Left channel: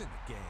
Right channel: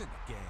in the game.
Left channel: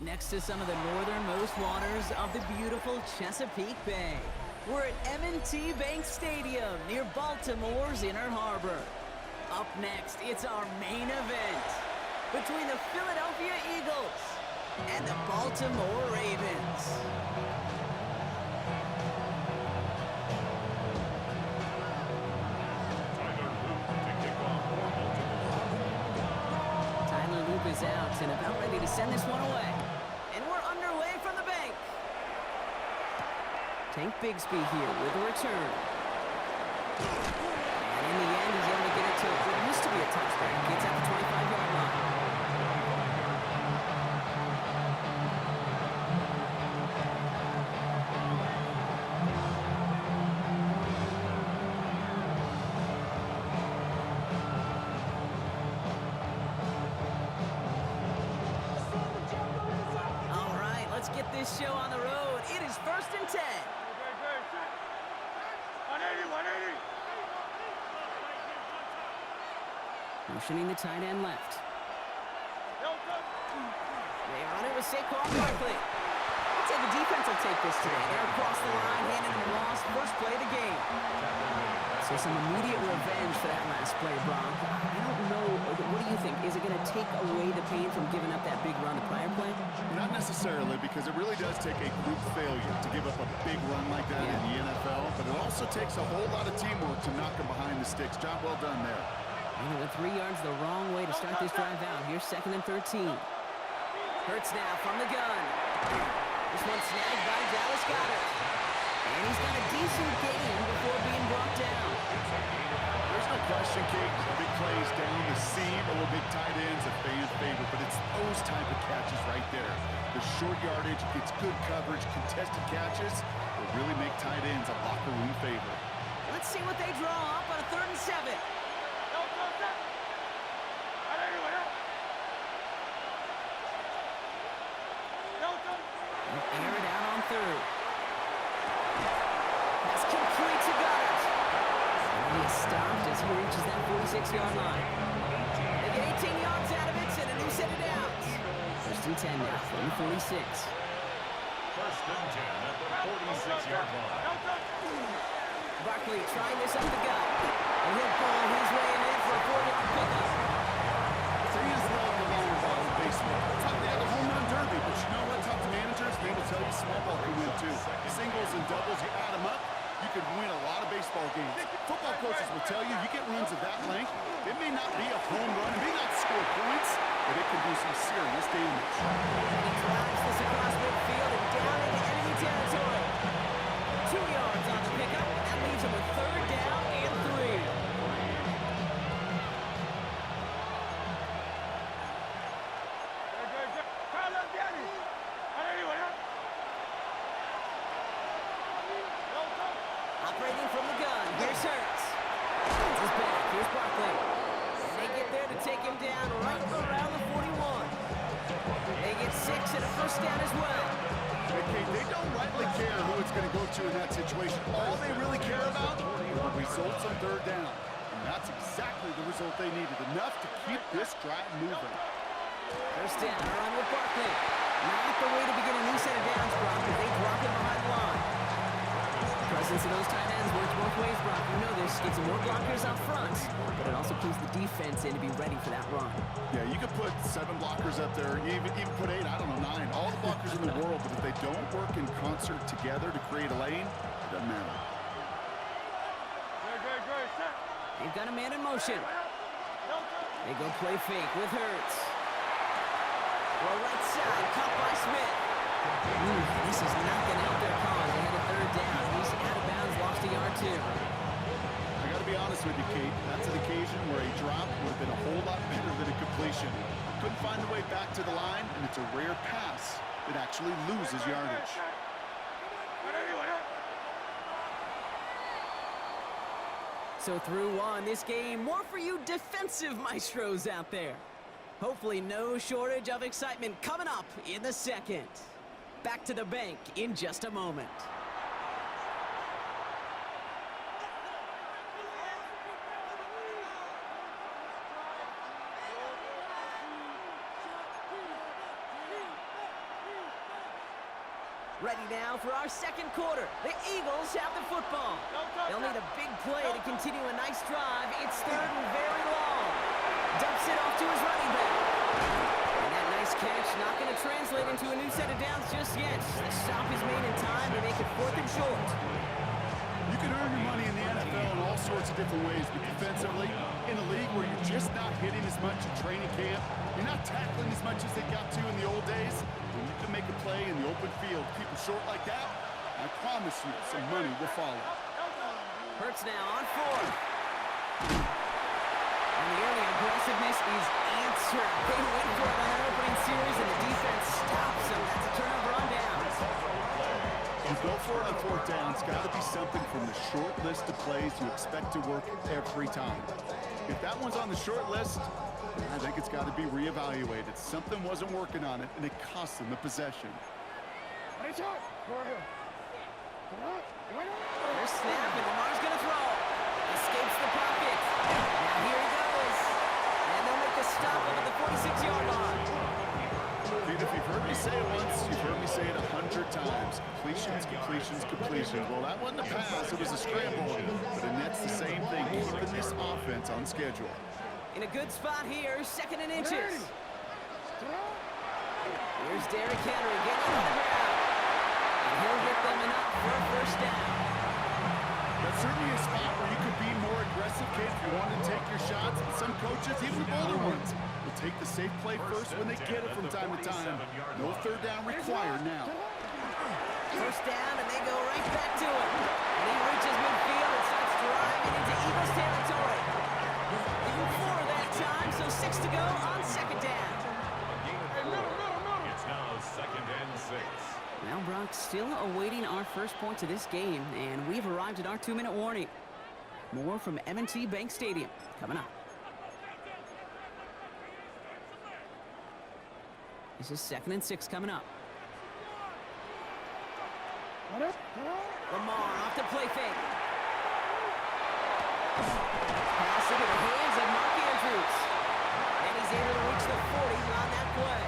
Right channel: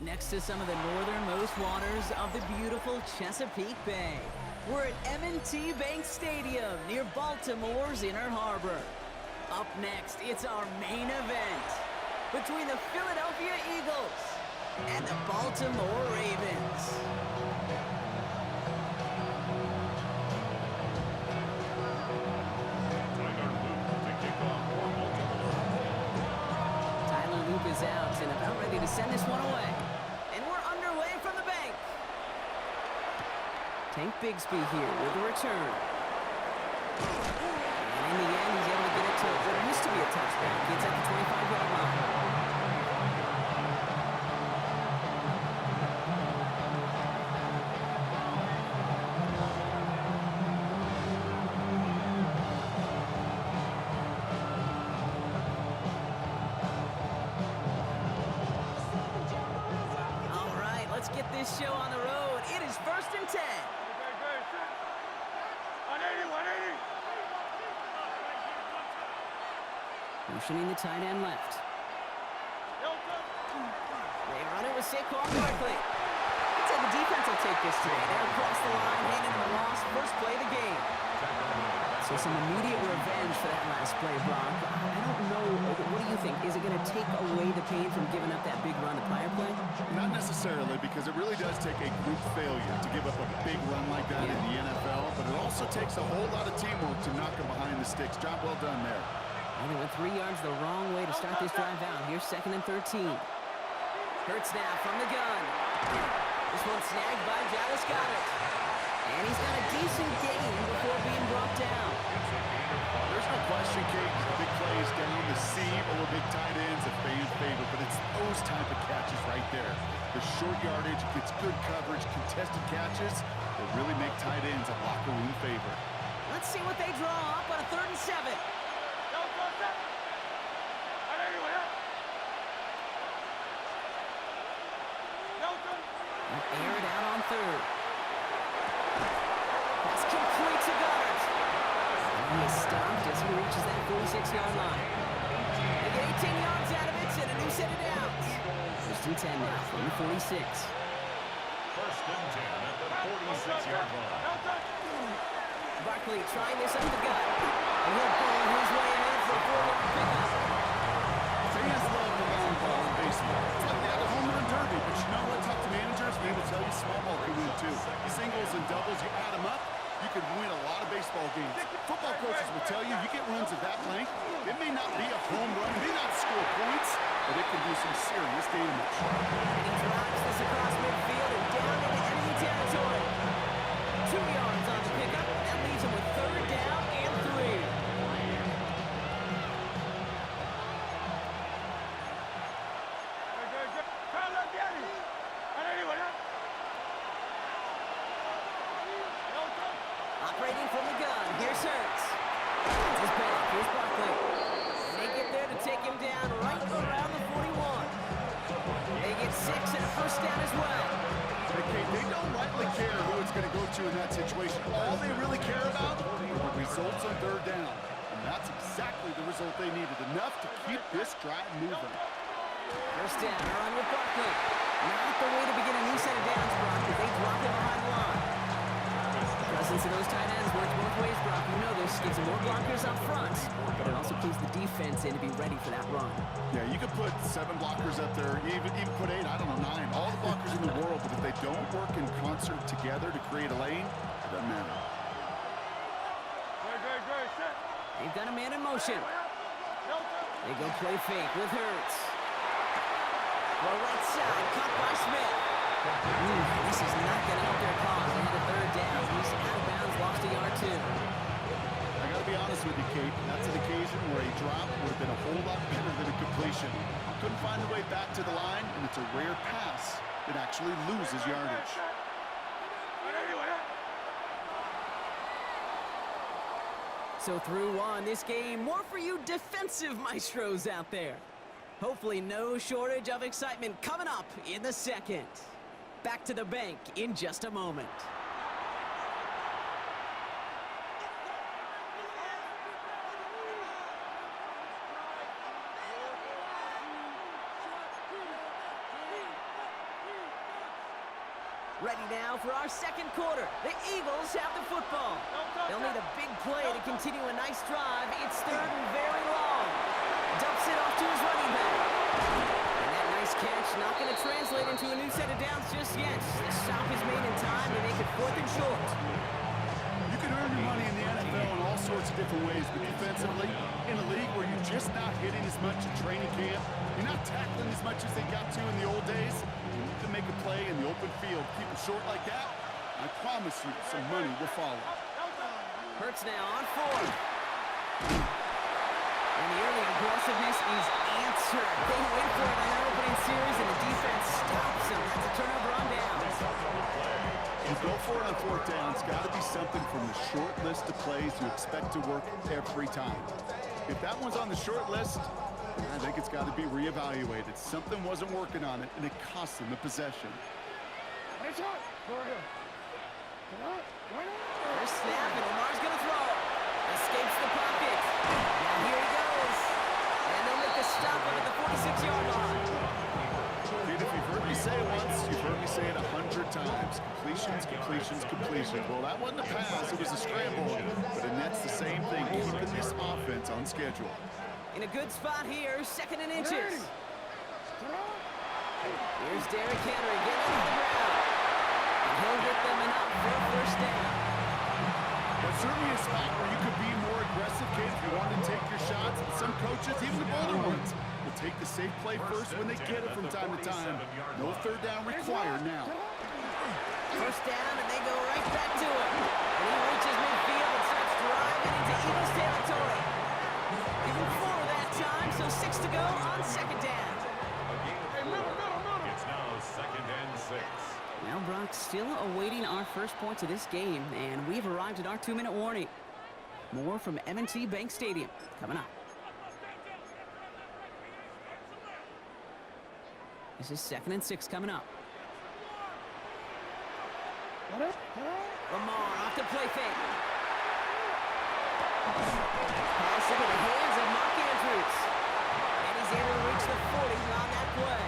Next to some of the northernmost waters of the beautiful Chesapeake Bay, we're at M&T Bank Stadium near Baltimore's Inner Harbor. Up next, it's our main event between the Philadelphia Eagles and the Baltimore Ravens. Tyler Loop is out and about ready to send this one away. And we're underway from the bank. Tank Bigsby here with a return. And in the end, he's able to get it to what used to be a touchback. Gets at the 25-yard line. Let's get this show on the road. It is 1st and 10. 180. Motioning the tight end left. They run it with Saquon Barkley. I'd say the defense will take this today. They're across the line, handing them a loss. First play of the game. So some immediate revenge for that last play, Brock. I don't know. What do you think? Is it going to take away the pain from giving up that big run the prior play? Not necessarily, because it really does take a group failure to give up a big run like that in the NFL. But it also takes a whole lot of teamwork to knock them behind the sticks. Job well done there. And they went 3 yards the wrong way to start this drive out. Here's 2nd and 13. Hurts now from the gun. This one snagged by Dallas Goedert. And he's got a decent gain before being brought down. There's no question, Kate. Big plays down the seam or big tight ends, a fan favorite. But it's those type of catches right there. The short yardage, gets good coverage, contested catches that really make tight ends a locker room favorite. Let's see what they draw up on a 3rd and 7. Air it out on 3rd. That's complete to Goedert. And he is stopped as he reaches that 46-yard line. They get 18 yards out of it and a new set of downs. 1st and 10 now from the 46. 1st and 10 at the 46-yard line. Barkley trying this up the gut. And he'll pull his way ahead for a 4-yard pickup. Fans love the long ball in baseball. It's like they have a home run derby, but you know what? Talk to managers, they will tell you small ball can win too. Singles and doubles, you add them up, you could win a lot of baseball games. Football coaches will tell you, you get runs of that length, it may not be a home run, it may not score points, but it can do some serious damage. And he drives this across midfield and down into enemy territory. 2 yards on the pickup, and that leaves him with 3rd down and 3. Operating from the gun, here's Hurts. This is back, here's Barkley. And they get there to take him down right around the 41. They get 6 and a first down as well. Okay, they don't rightly care who it's going to go to in that situation. All they really care about are the results on third down. And that's exactly the result they needed. Enough to keep this drive moving. First down, a run with Barkley. Not the way to begin a new set of downs, Brock, as they drop him behind the line. The presence of those tight ends works both ways, Brock. You know this. Gives them more blockers up front, but it also clues the defense in to be ready for that run. Yeah, you could put 7 blockers up there, even put 8, I don't know, 9. All the blockers in the world, but if they don't work in concert together to create a lane, it doesn't matter. Great, set. They've got a man in motion. They go play fake with Hurts. Well, right side, caught by Smith. This is not going to help their cause. They had a third down. He's out of bounds, lost a yard too. I got to be honest with you, Kate. That's an occasion where a drop would have been a whole lot better than a completion. Couldn't find the way back to the line, and it's a rare pass that actually loses yardage. So through one, this game, more for you defensive maestros out there. Hopefully no shortage of excitement coming up in the second. Back to the bank in just a moment. Ready now for our second quarter. The Eagles have the football. They'll need a big play to continue a nice drive. It's third and very long. Dumps it off to his running back. And that nice catch not going to translate into a new set of downs just yet. The stop is made in time to make it 4th and short. You can earn your money in the NFL in all sorts of different ways, but defensively, in a league where you're just not hitting as much at training camp, you're not tackling as much as they got to in the old days, when you can make a play in the open field, keep it short like that, I promise you some money will follow. Hurts now on 4th. And the early aggressiveness is answered. They went for it on that opening series, and the defense stops them. That's a turnover on down. You go for it on 4th down. It's got to be something from the short list of plays you expect to work every time. If that one's on the short list, I think it's got to be reevaluated. Something wasn't working on it, and it cost them the possession. First snap, and Lamar's going to throw. Escapes the pocket. Now here he goes. And they'll make the stop up at the 46-yard line. Dude, if you've heard me say it once, you've heard me say it 100 times. Completions, completions, completions. Well, that wasn't a pass. It was a scramble. But it nets the same thing, keeping this offense on schedule. In a good spot here, 2nd and inches. Here's Derrick Henry getting on the ground. And he'll get them enough for a first down. That's certainly a spot where you could be more aggressive, kid, if you want to take your shots. Some coaches, even the bolder ones, will take the safe play first when they get it from time to time. No third down required now. First down, and they go right back to him. And he reaches midfield and starts driving into Eagles territory. Even 4 that time, so 6 to go on 2nd down. It's now 2nd and 6. Well, Brock, still awaiting our first points of this game, and we've arrived at our 2-minute warning. More from M&T Bank Stadium coming up. This is 2nd and 6 coming up. Lamar off to play fake. Pass into the hands of Mark Andrews. And he's able to reach the 40 on that play.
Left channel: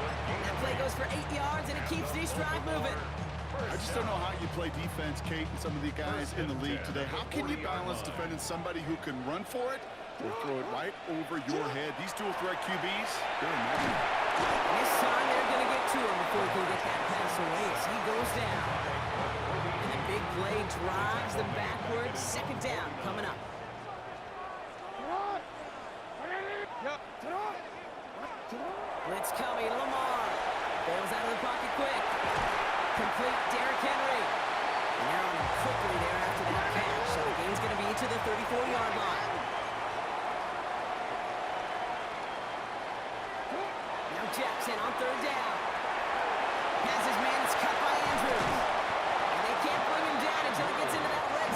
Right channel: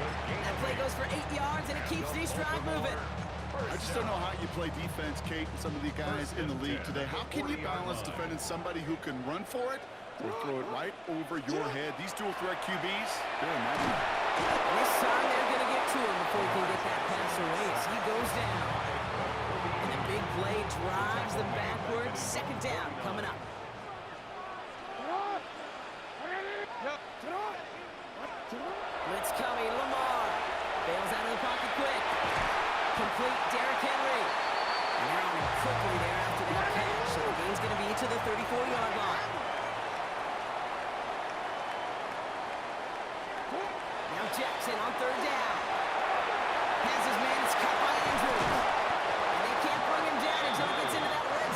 That play goes for 8 yards, and it keeps this drive moving. I just don't know how you play defense, Kate, and some of the guys in the league today. How can you balance defending somebody who can run for it or throw it right over your head? These dual threat QBs, they're a nightmare. This time they're going to get to him before he can get that pass away as he goes down. And the big play drives them backwards. 2nd down coming up. Blitz coming, Lamar. Bails out of the pocket quick. Complete, Derrick Henry. And they're on him quickly there after that catch. So the gain's going to be to the 34-yard line. Now Jackson on 3rd down. Has his man, it's cut by Andrews. And they can't bring him down until he gets into that red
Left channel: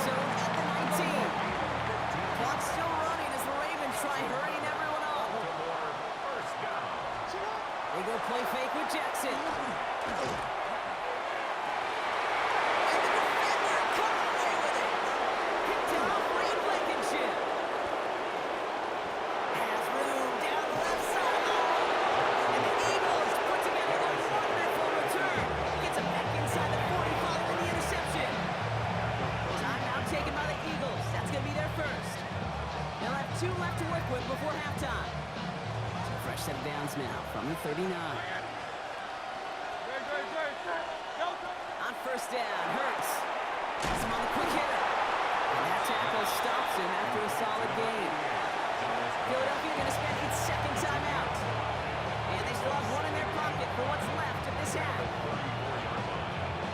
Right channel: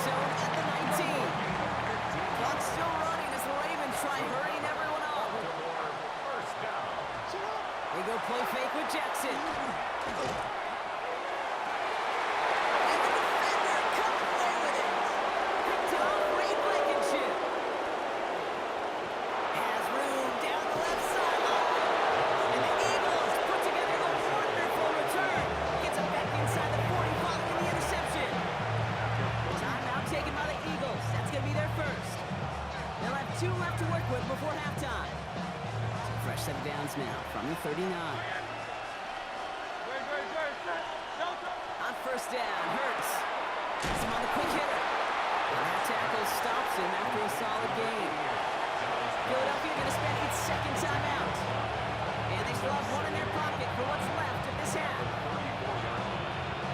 rejects it. And the defender comes away with it. Picked off Reed Blankenship. Has room down the left sideline. And the Eagles put together a wonderful return. Gets him back inside the 40 following the interception. Timeout taken by the Eagles. That's going to be their first. They'll have 2 left to work with before halftime. So fresh set of downs now from the 39. On first down, Hurts. Has him on the quick hitter. And that tackle stops him after a solid gain. Philadelphia going to spend its second timeout. And they still have one in their pocket for what's left of this half.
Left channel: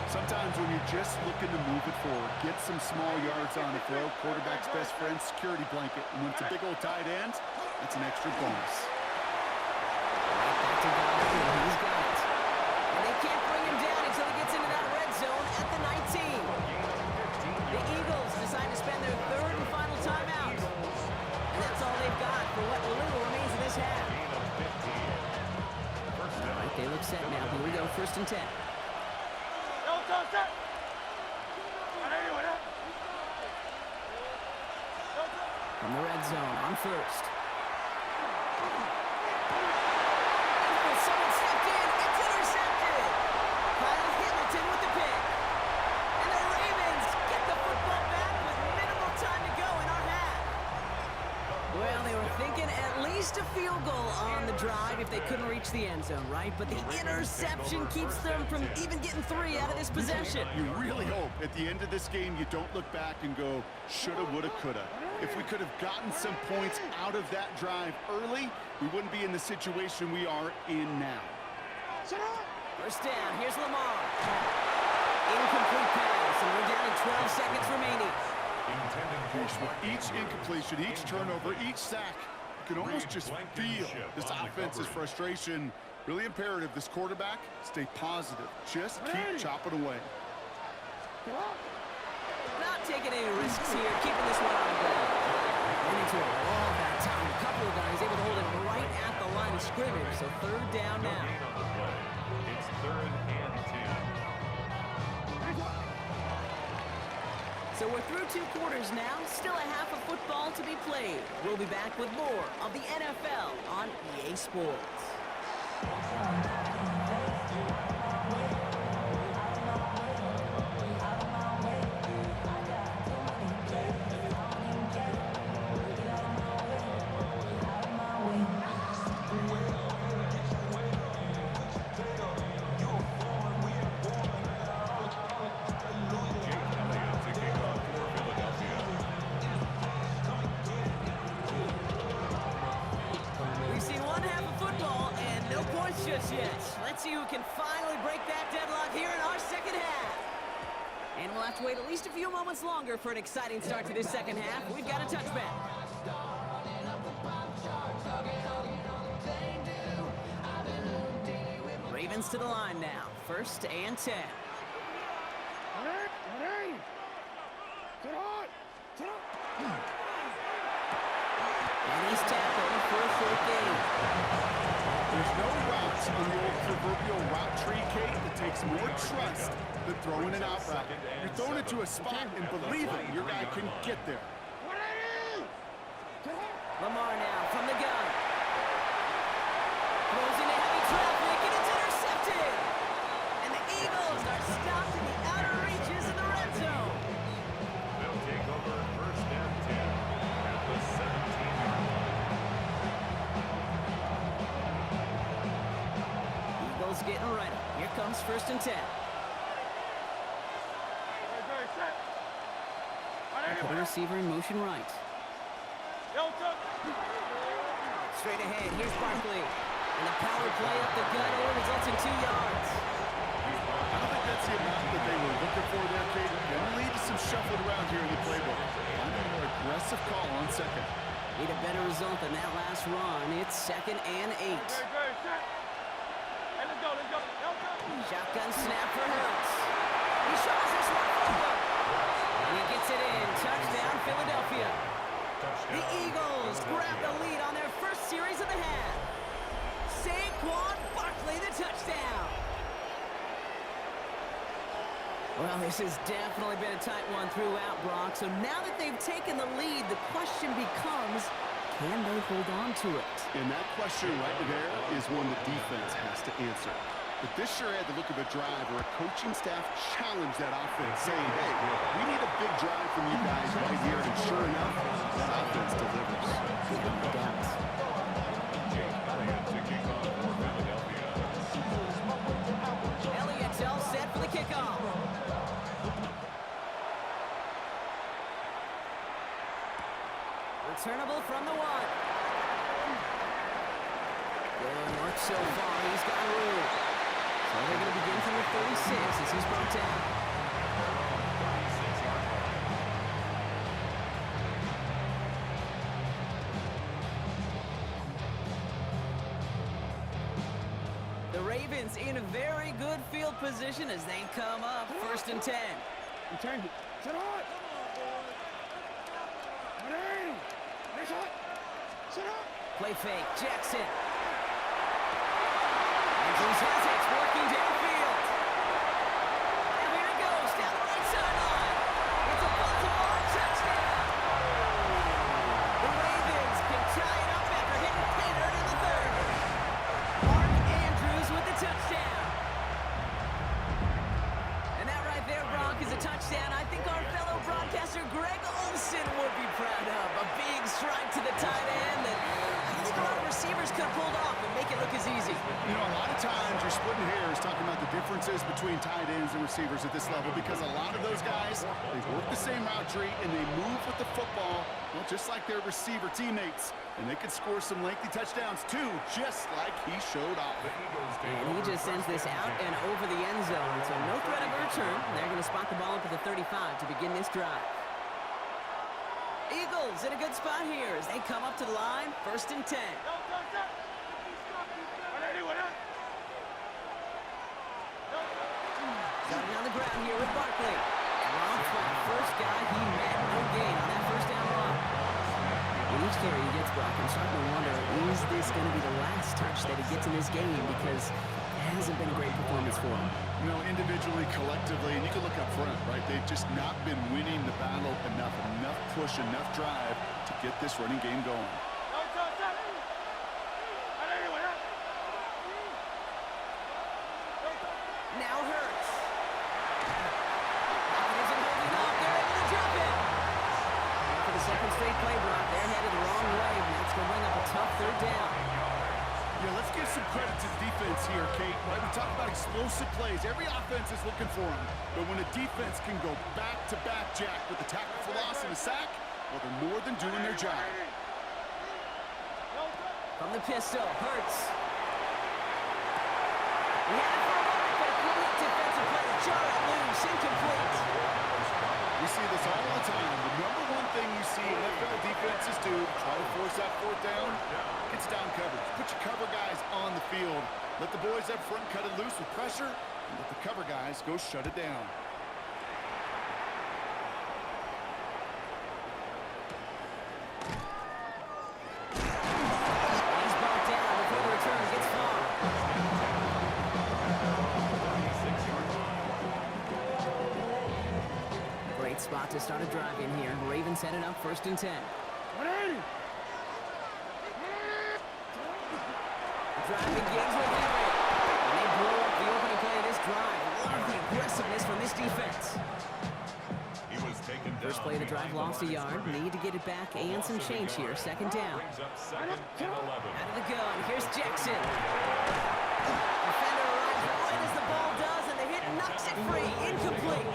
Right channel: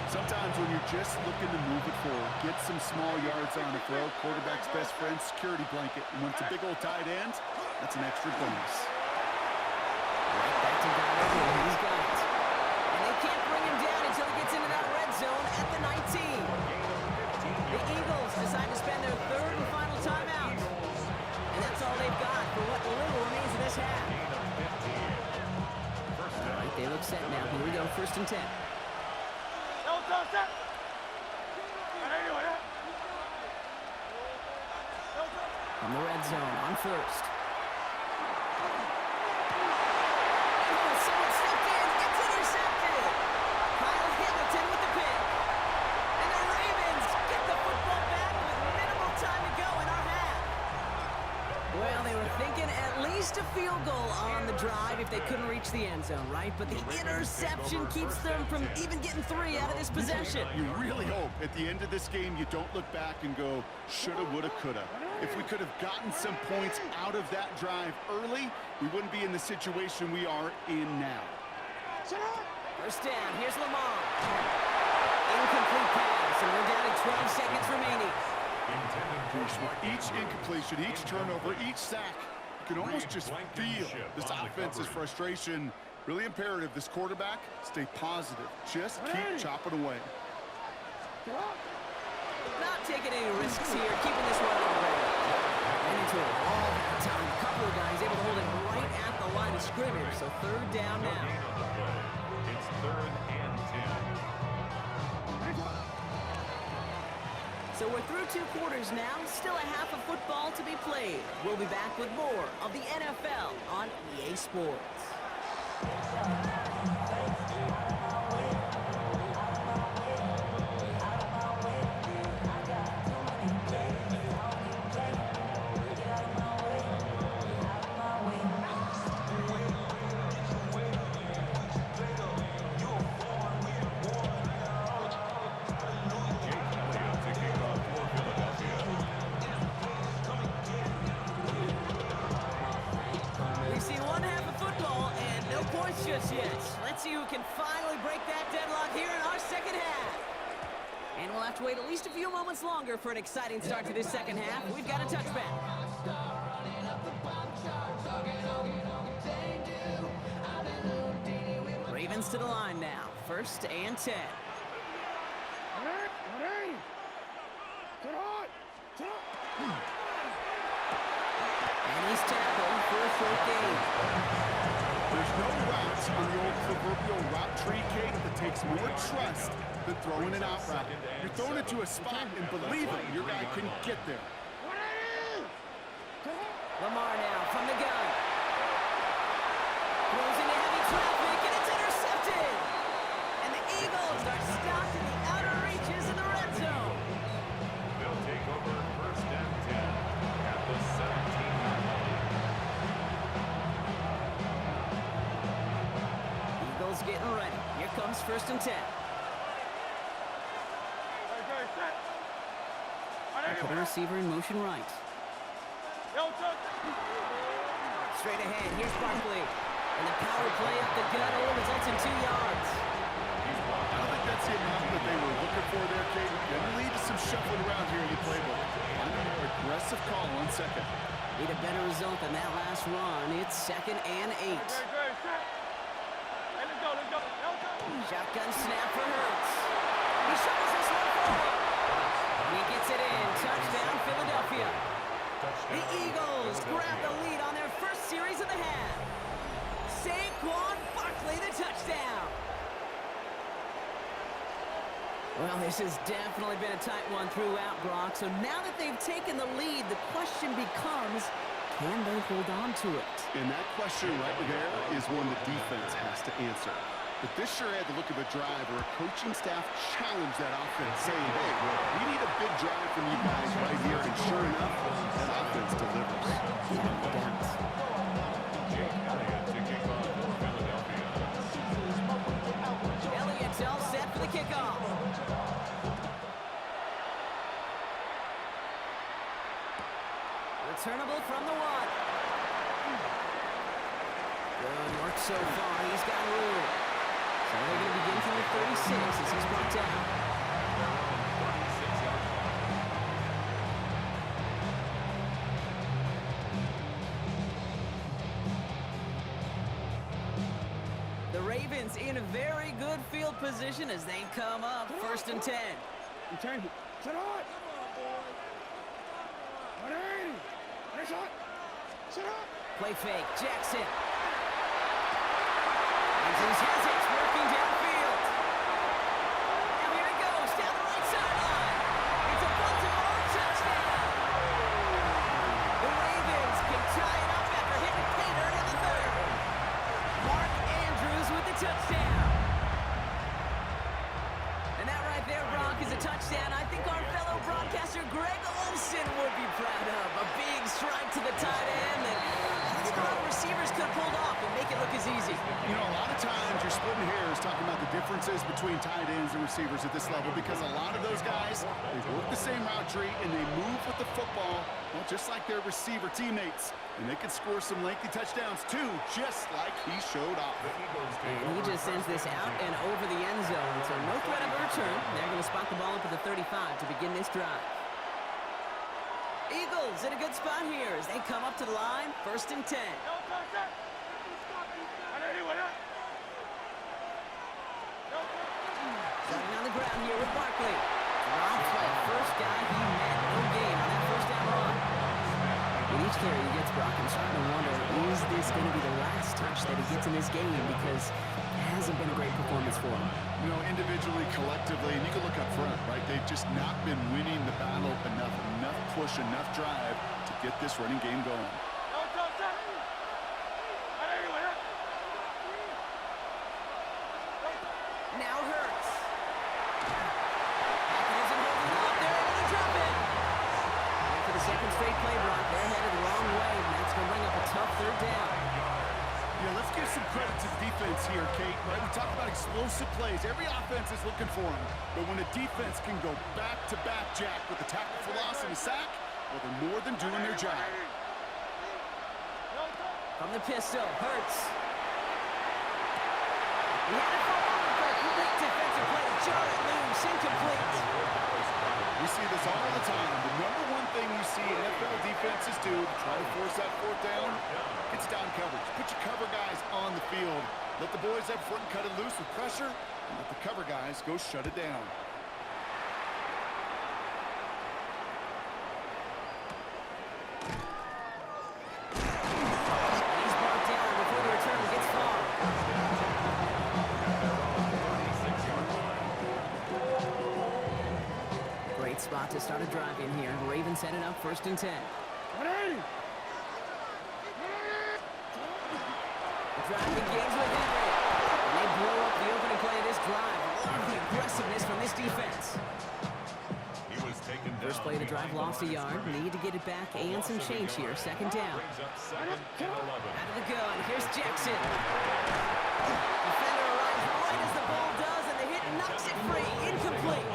Sometimes when you're just looking to move it forward, get some small yards on a throw, quarterback's best friend, security blanket. And when it's a big old tight end, that's an extra bonus. Right back to Goddard, and he's got it. And they can't bring him down until he gets into that red zone at the 19. The Eagles decide to spend their third and final timeout. And that's all they've got for what little remains of this half. All right, they look set now. Here we go, first and 10. From the red zone, on first. And someone stepped in. It's intercepted. Kyle Hamilton with the pick. And the Ravens get the football back with minimal time to go in our half. Well, they were thinking at least a field goal on the drive if they couldn't reach the end zone, right? But the interception keeps them from even getting 3 out of this possession. You really hope at the end of this game you don't look back and go, shoulda, woulda, coulda. If we could have gotten some points out of that drive early, we wouldn't be in the situation we are in now. First down, here's Lamar. Incomplete pass, and we're down to 12 seconds remaining. With each incompletion, each turnover, each sack, you can almost just feel this offense's frustration. Really imperative this quarterback stay positive. Just keep chopping away. Not taking any risks here, keeping this one on the ground. Went into a wall that time. A couple of guys able to hold it right at the line of scrimmage. So third down now. It's 3rd and 10. So we're through 2 quarters now. Still a half of football to be played. We'll be back with more of the NFL on EA Sports. Just yet. Let's see who can finally break that deadlock here in our second half. And we'll have to wait at least a few moments longer for an exciting start to this second half. We've got a touchback. Ravens to the line now. First and 10. And he's tackled for a 4th gain. There's no routes on the old proverbial route tree, Kate, that takes more trust than throwing an out route. You're throwing it to a spot, and believe it, your guy can get there. Lamar now from the gun. Throws into heavy traffic, and it's intercepted. And the Eagles are stopped in the outer reaches of the red zone. They'll take over first and 10 at the 17-yard line. Eagles getting ready. Here comes first and 10. Put the receiver in motion right. Straight ahead, here's Barkley. And the power play up the gut only results in 2 yards. I don't think that's the amount that they were looking for there, Kate. Generally, just some shuffling around here in the playbook. Finding a more aggressive call on second. Need a better result than that last run. It's 2nd and 8. Shotgun snap for Hurts. He shovels this one forward. And he gets it in. Touchdown, Philadelphia. The Eagles grab the lead on their first series of the half. Saquon Barkley, the touchdown. Well, this has definitely been a tight one throughout, Brock. So now that they've taken the lead, the question becomes, can they hold on to it? And that question right there is one the defense has to answer. But this sure had the look of a drive where a coaching staff challenged that offense, saying, hey, we need a big drive from you guys right here. And sure enough, that offense delivers. Yeah, no doubt. Jake Elliott to kick off for Philadelphia. Elliott's all set for the kickoff. Returnable from the 1. Good work so far. He's got room. So they're going to begin from the 36 as he's brought down. At their own 36-yard line. The Ravens in a very good field position as they come up 1st and 10. Return it. Sit on. 180. Nice hot. Sit on. Play fake. Jackson. Andrews has it, working downfield. Now here he goes, down the right sideline. It's a Baltimore touchdown. The Ravens can tie it up after hitting pay dirt in the 3rd. Mark Andrews with the touchdown. And that right there, Brock, is a touchdown I think our fellow broadcaster Greg Olsen would be proud of. A big strike to the tight end that I think a lot of receivers could have pulled off and make it look as easy. You know, a lot of times you're splitting hairs talking about the differences between tight ends and receivers at this level because a lot of those guys, they work the same route tree and they move with the football, well, just like their receiver teammates. And they can score some lengthy touchdowns, too, just like he showed off. The Eagles take And he over just sends this first out and 10. over the end zone. So no threat of a return. They're going to spot the ball up at the 35 to begin this drive. Eagles in a good spot here as they come up to the line. 1st and 10. Starting on the ground here with Barkley. Dropped by the first guy he met. No gain on that 1st down run. With each carry he gets, Brock, I'm starting to wonder, is this going to be the last touch that he gets in this game? Because it hasn't been a great performance for him. You know, individually, collectively, and you can look up front, right? They've just not been winning the battle enough push, enough drive to get this running game going. Now Hurts. Pocket isn't holding up. They're able to drop it. And for the 2nd straight play, Brock, they're headed the wrong way, and that's going to bring up a tough 3rd down. Yeah, let's give some credit to the defense here, Kate, right? We talk about explosive plays. Every offense is looking for them. But when a defense can go back-to-back, Jack, with the tackle for loss and a sack, well, they're more than doing their job. From the pistol, Hurts. He had it for a moment, but a great defensive play to jar it loose, incomplete. We see this all the time. The number one thing you see NFL defenses do to try to force that 4th down, it's down coverage. Put your cover guys on the field. Let the boys up front cut it loose with pressure, and let the cover guys go shut it down. He's brought down before the return gets far. Great spot to start a drive in here. Ravens headed up 1st and 10. 180. The drive begins with Henry. And they blow up the opening play of this drive. Love the aggressiveness from this defense. He was taken down. First play of the drive lost a yard. Need to get it back and some change here. 2nd down. Brings up 2nd and 11. Out of the gun. Here's Jackson. Defender arrives right as the ball does, and the hit knocks it free. Incomplete.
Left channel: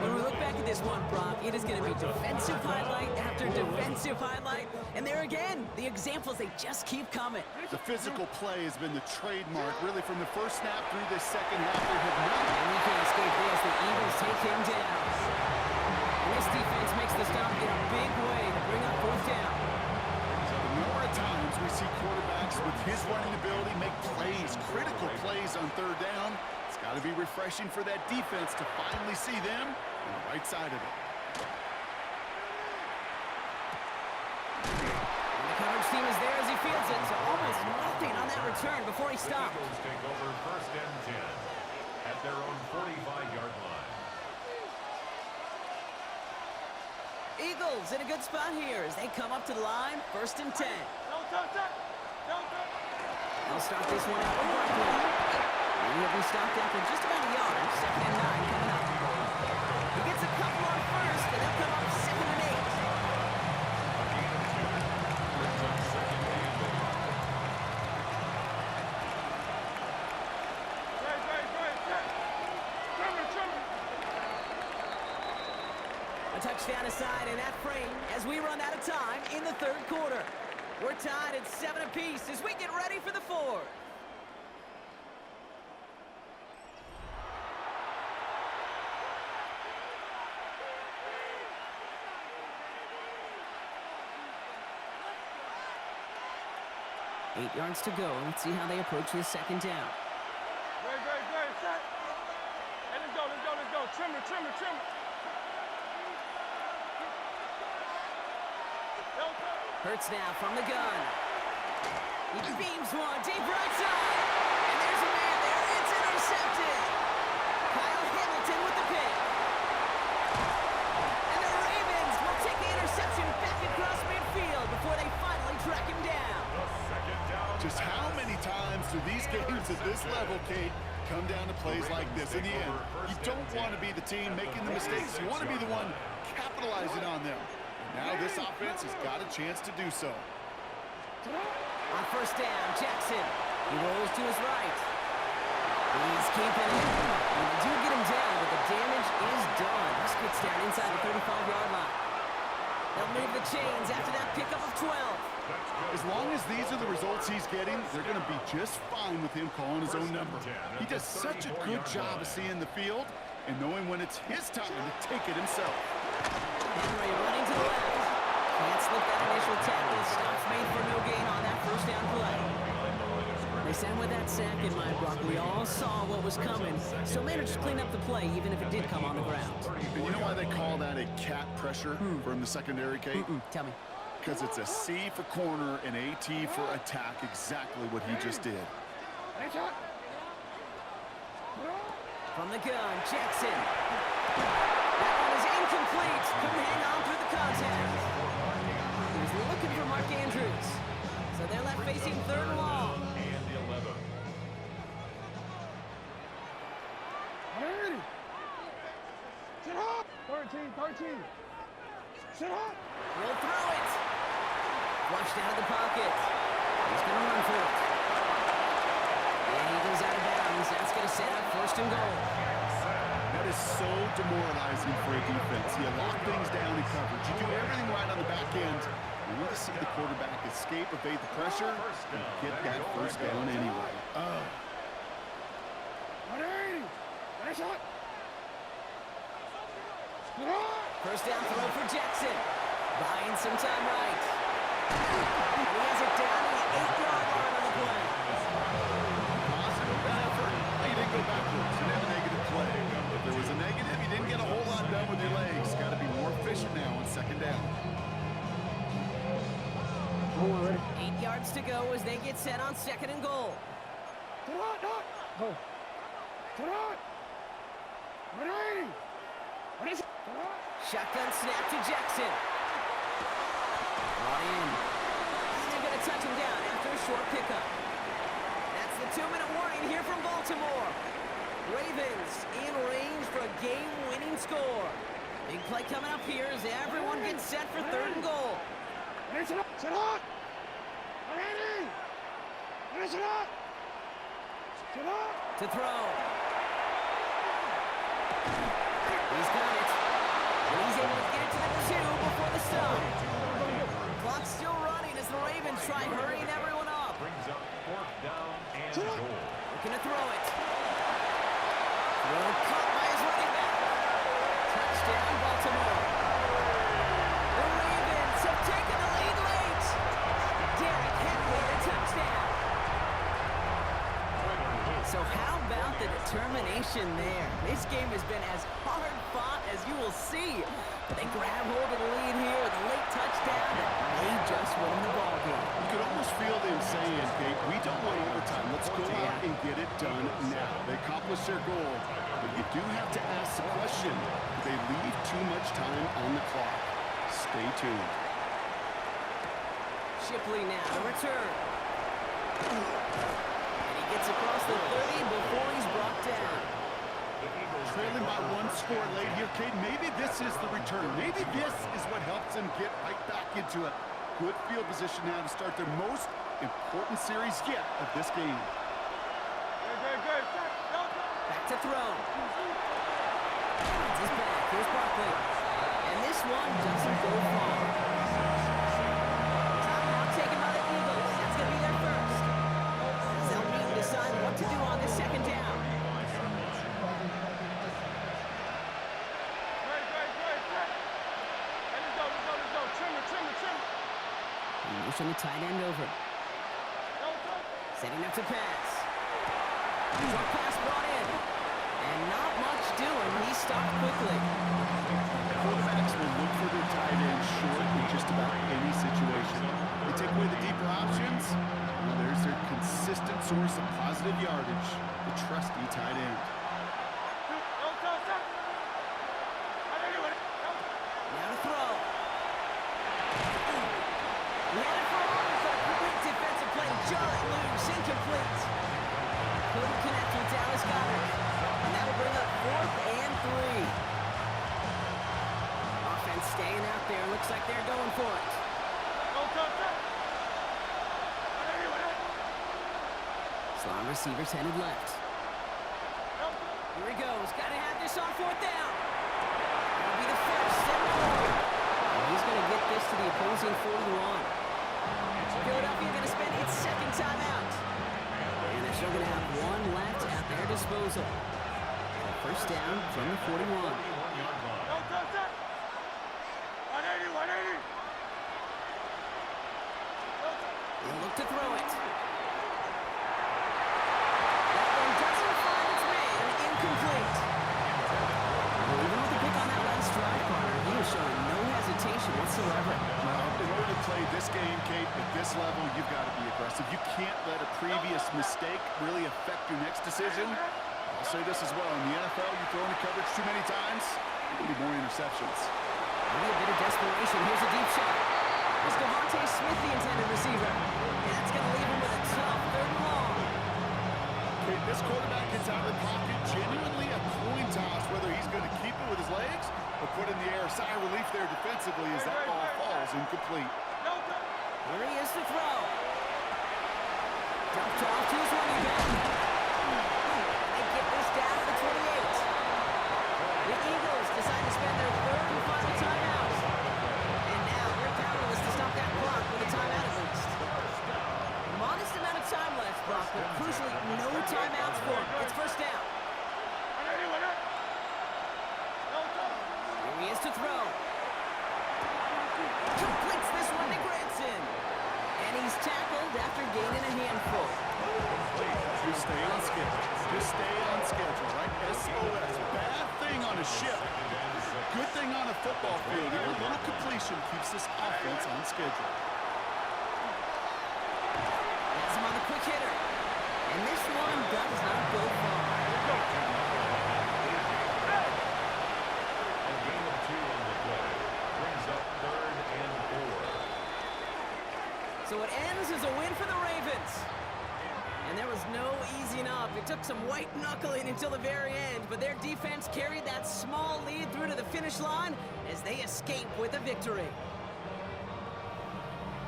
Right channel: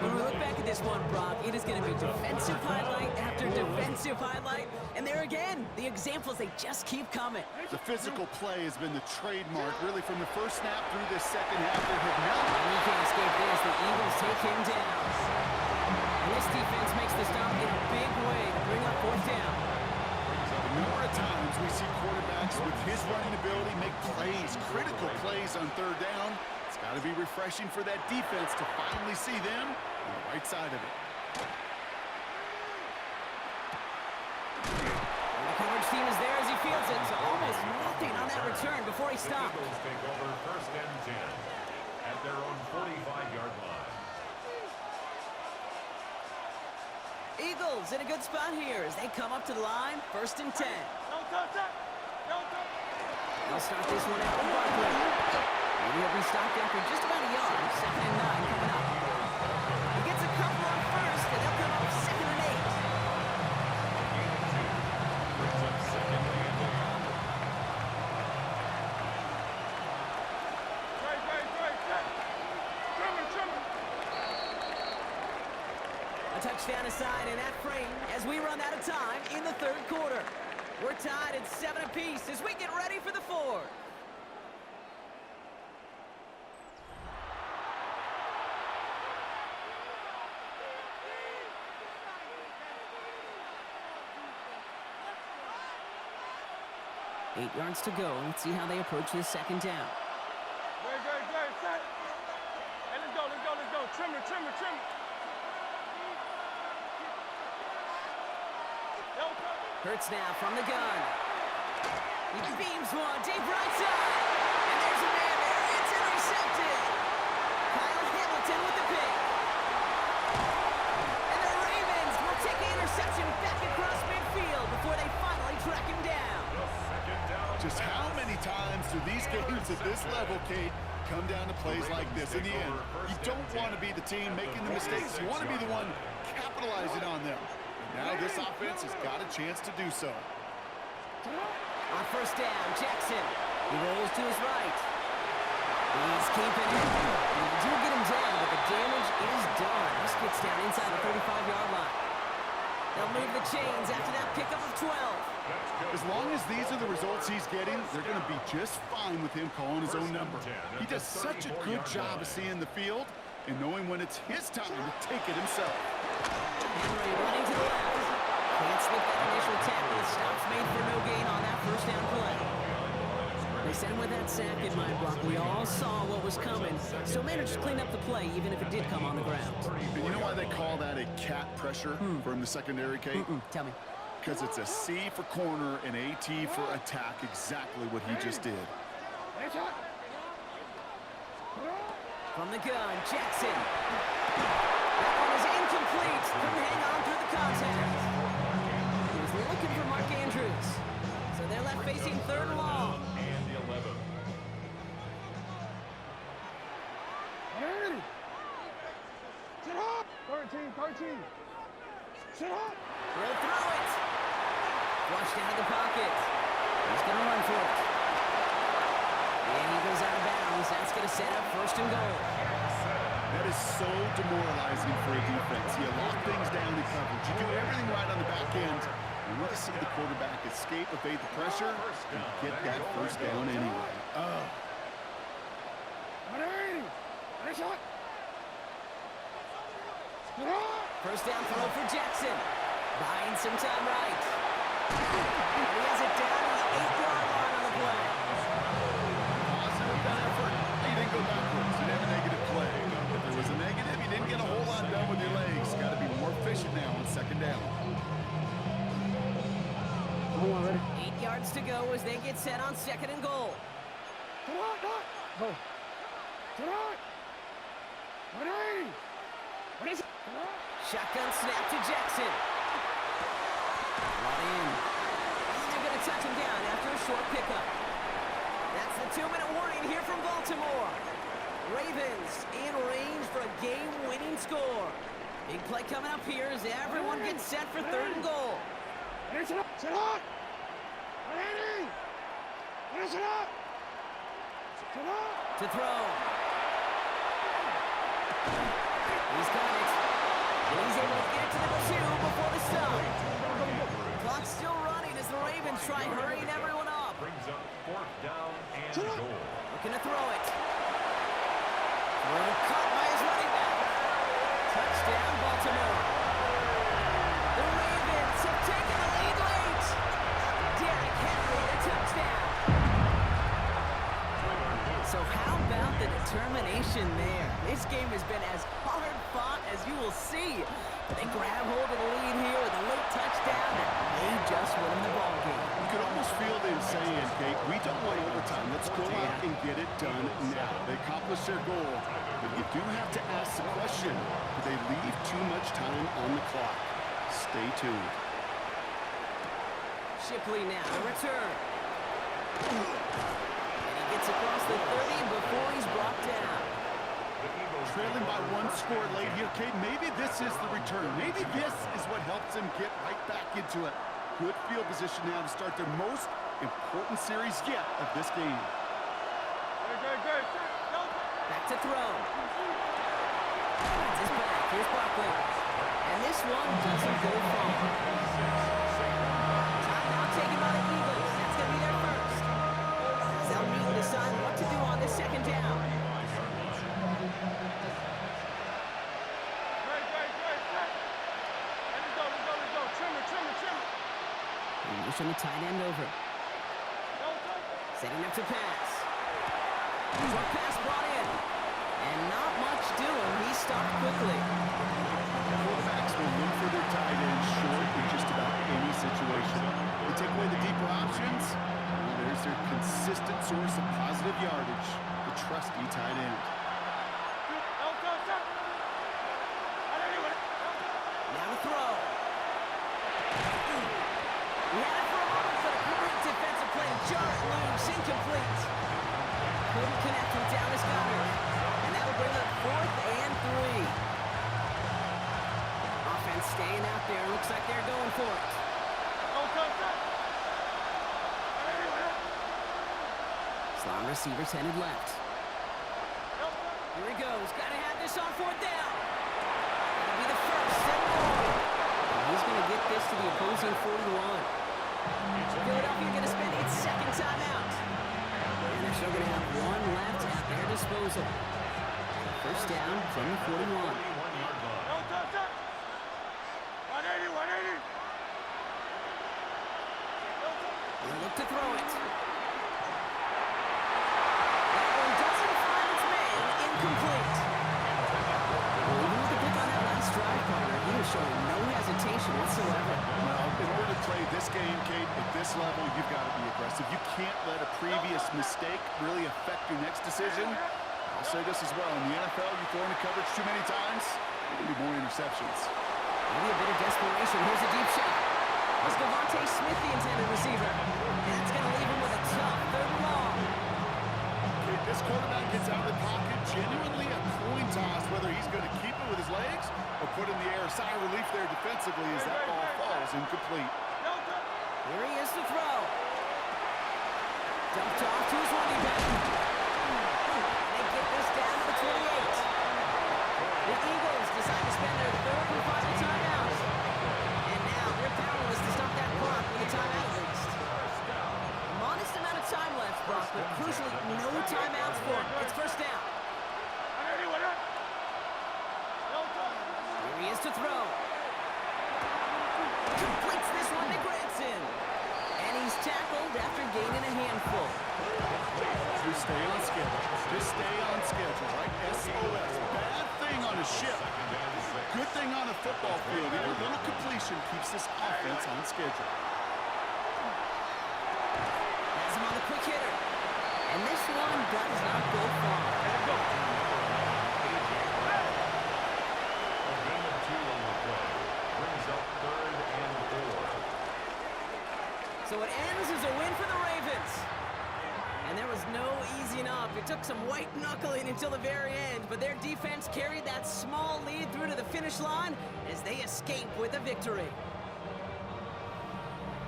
When we look back at this one, Brock, it is going to be defensive highlight after defensive highlight. And there again, the examples, they just keep coming. The physical play has been the trademark, really, from the first snap through this 2nd half. They have not. And he can't escape this. The Eagles take him down. And this defense makes the stop in a big way to bring up 4th down. The number of times we see quarterbacks with his running ability make plays, critical plays on 3rd down. It's got to be refreshing for that defense to finally see them on the right side of it. And the coverage team is there as he fields it. So almost nothing on that return before he stopped. The Eagles take over first and 10 at their own 45-yard line. Eagles in a good spot here as they come up to the line, first and 10. They'll start this one out with Barkley. And he'll be stopped after just about a yard. Second and 9 coming up. He gets a couple on first, and they'll come up second and 8. A gain of 2 brings up second and 8. A touchdown aside in that frame as we run out of time in the third quarter. We're tied at 7 apiece as we get ready for the fourth. Eight yards to go. Let's see how they approach this second down. Great. Set. Hey, let's go. Trimmer. Hurts now from the gun. He beams one deep right side. And there's a man there. It's intercepted. Kyle Hamilton with the pick. And the Ravens will take the interception back across midfield before they finally track him down. The second down. Just how many times do these games at this level, Kate, come down to plays like this? In the end, you don't want to be the team making the mistakes. You want to be the one capitalizing on them. Now this offense has got a chance to do so. On first down, Jackson. He rolls to his right. He's keeping it. And they do get him down, but the damage is done. This gets down inside the 35-yard line. They'll move the chains after that pickup of 12. As long as these are the results he's getting, they're going to be just fine with him calling his own number. He does such a good job of seeing the field and knowing when it's his time to take it himself. Henry running to the left. Can't slip that initial tackle. Stops made for no gain on that first down play. They said with that sack in mind, Brock, we all saw what was coming. Still managed to clean up the play, even if it did come on the ground. And you know why they call that a cat pressure from the secondary, Kate? Tell me. Because it's a C for corner and a T for attack, exactly what he just did. From the gun, Jackson. That one is incomplete. Couldn't hang on through the contact. He was looking for Mark Andrews. So they're left facing third and long. And 11. Sit up. 13. Sit up. He'll throw it. Flushed out of the pocket. He's going to run for it. And he goes out of bounds. That's going to set up first and goal. That is so demoralizing for a defense. You lock things down in coverage. You do everything right on the back end. You want to see the quarterback escape, evade the pressure, and get that first down anyway. Oh. 180. Nice shot. First down throw for Jackson. Buying some time right. And he has it down to the 8-yard line on the play. Positive that effort. He didn't go backwards. Didn't have a negative play. If there was a negative, you didn't get a whole lot done with your legs. Got to be more efficient now on second down. 8 yards to go as they get set on second and goal. Go. Sit up. 180. What is it? Shotgun snap to Jackson. Brought in. And they're going to touch him down after a short pickup. That's the 2-minute warning here from Baltimore. Ravens in range for a game-winning score. Big play coming up here as everyone gets set for third and goal. Sit up. 180. Sit up. To throw. He's got it. And he's able to get it to the 2 before the stop. Clock's still running as the Ravens try hurrying everyone up. Brings up fourth down and goal. Looking to throw it. Throw caught by his running back. Touchdown, Baltimore. The Ravens have taken the lead late. Derrick Henry, the touchdown. So how about the determination there? This game has been as hard fought as you will We'll see. But they grab hold of the lead here with a late touchdown that may just win them the ball game. You could almost feel them saying, Kate, we don't want overtime. Let's go out and get it done now. They accomplished their goal, but you do have to ask the question, do they leave too much time on the clock? Stay tuned. Shipley now to return. And he gets across the 30 before he's brought down. Trailing by one score late here, Kate. Maybe this is the return. Maybe this is what helps them get right back into it. Good field position now to start their most important series yet of this game. Back to throw. Finds his back. Here's Barkley. And this one doesn't go far. Timeout taken by the Eagles. That's going to be their first. As they'll meet and decide what to do on this second down. Motion the tight end over. Setting up to pass. Short pass brought in. And not much doing. He stopped quickly. Quarterbacks will look for their tight end short in just about any situation. They take away the deeper options. Well, there's their consistent source of positive yardage, the trusty tight end. Now to throw. He had it for a moment, but a great defensive play to jar it loose, incomplete. Couldn't connect with Dallas Goedert. And that'll bring up 4th and 3. Offense staying out there. Looks like they're going for it. Slot receivers headed left. Here he goes. Got to have this on 4th down. That'll be the first and more. And he's going to get this to the opposing 41. Philadelphia going to spend its second timeout. And they're still going to have one left at their disposal. So first down from the 41. 180. He'll look to throw it. That one doesn't find its man. Incomplete. Well, even with the pick on that last drive, partner, he was showing no hesitation whatsoever. Well, in order to play this game, Kate, at this level, you've got to be aggressive. You can't let a previous mistake really affect your next decision. I'll say this as well. In the NFL, you throw into coverage too many times, there can be more interceptions. Maybe a bit of desperation. Here's a deep shot. It's Devontae Smith, the intended receiver. And that's going to leave him with a tough 3rd and long. Kate, this quarterback gets out of the pocket, genuinely a coin toss, whether he's going to keep it with his legs or put in the air. Sigh of relief there defensively as that ball falls incomplete. Here he is to throw. Dumped off to his running back. They get this down to the 28. The Eagles decide to spend their 3rd and final timeout. And now they're powerless to stop that clock with a timeout at least. Modest amount of time left, Brock, but crucially no timeouts for him. It's first down. Here he is to throw. Completes this one to Granson. And he's tackled after gaining a handful. Just stay on schedule. Just stay on schedule, right? SOS. Bad thing on a ship. Good thing on a football field. Even a little completion keeps this offense on schedule. Has him on the quick hitter. And this one does not go far. A gain of 2 on the play. Brings up 3rd and 4. So it ends as a win for the Ravens. And there was no easing up. It took some white knuckling until the very end, but their defense carried that small lead through to the finish line as they escape with a victory.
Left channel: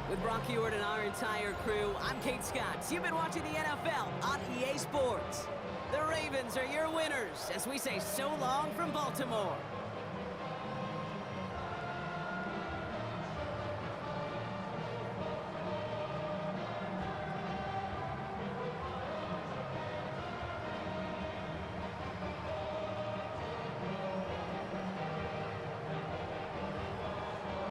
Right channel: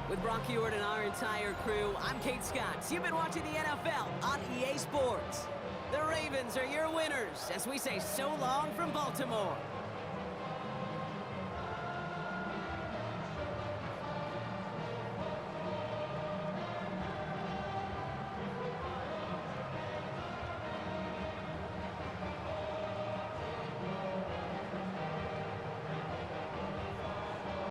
With Brock Heward and our entire crew, I'm Kate Scott. You've been watching the NFL on EA Sports. The Ravens are your winners as we say so long from Baltimore.